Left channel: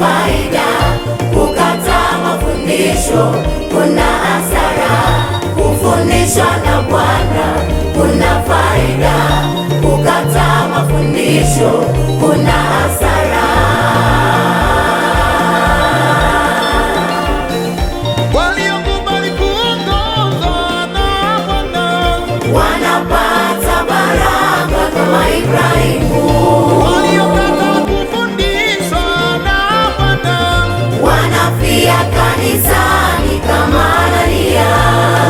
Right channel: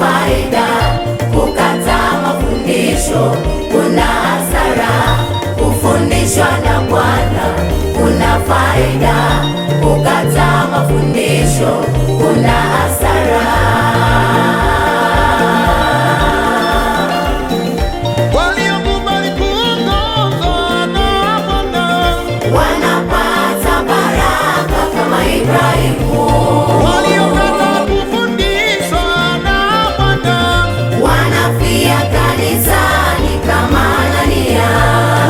faida, kukataa mafundisho kuna hasara. Kufundishwa na Bwana kuna faida, kukataa mafundisho kuna hasara. Waliokubali kuongozwa na Bwana Wanapata baraka kama Ibrahimu. waliokataa kufundishwa na Bwana Wanafia kanisani kama Anania.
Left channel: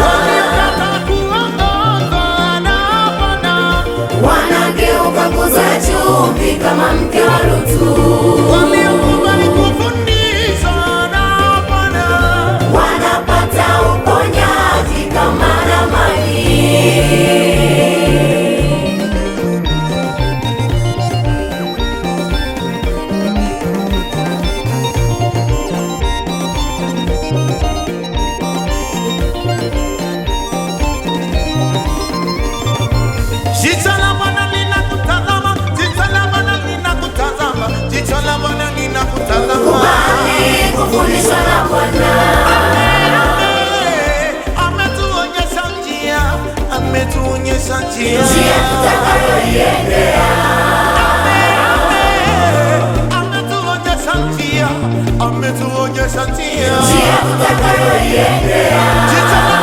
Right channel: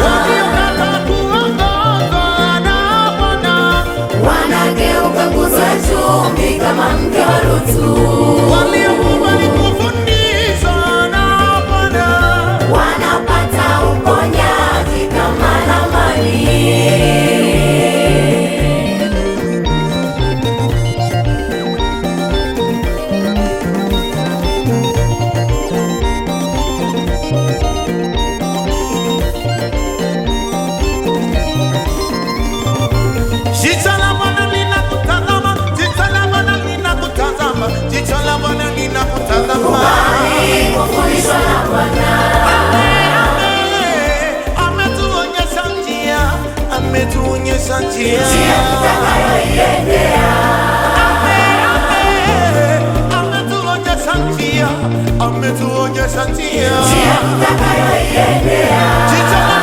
waliokataa kuongozwa na Bwana Wanageuka nguzo ya chumvi kama mke wa Lutu. waliokubali kufundishwa na Bwana Wanapata uponyaji kama Naamani. Jicho la Bwana linakutazama, jicho la Bwana linakutazama, jicho la Bwana linakutazama. Kufundishwa na Bwana. Ametuonyesha njia, ametuonyesha njia. Ametuonyesha njia, ametuonyesha njia. Jicho la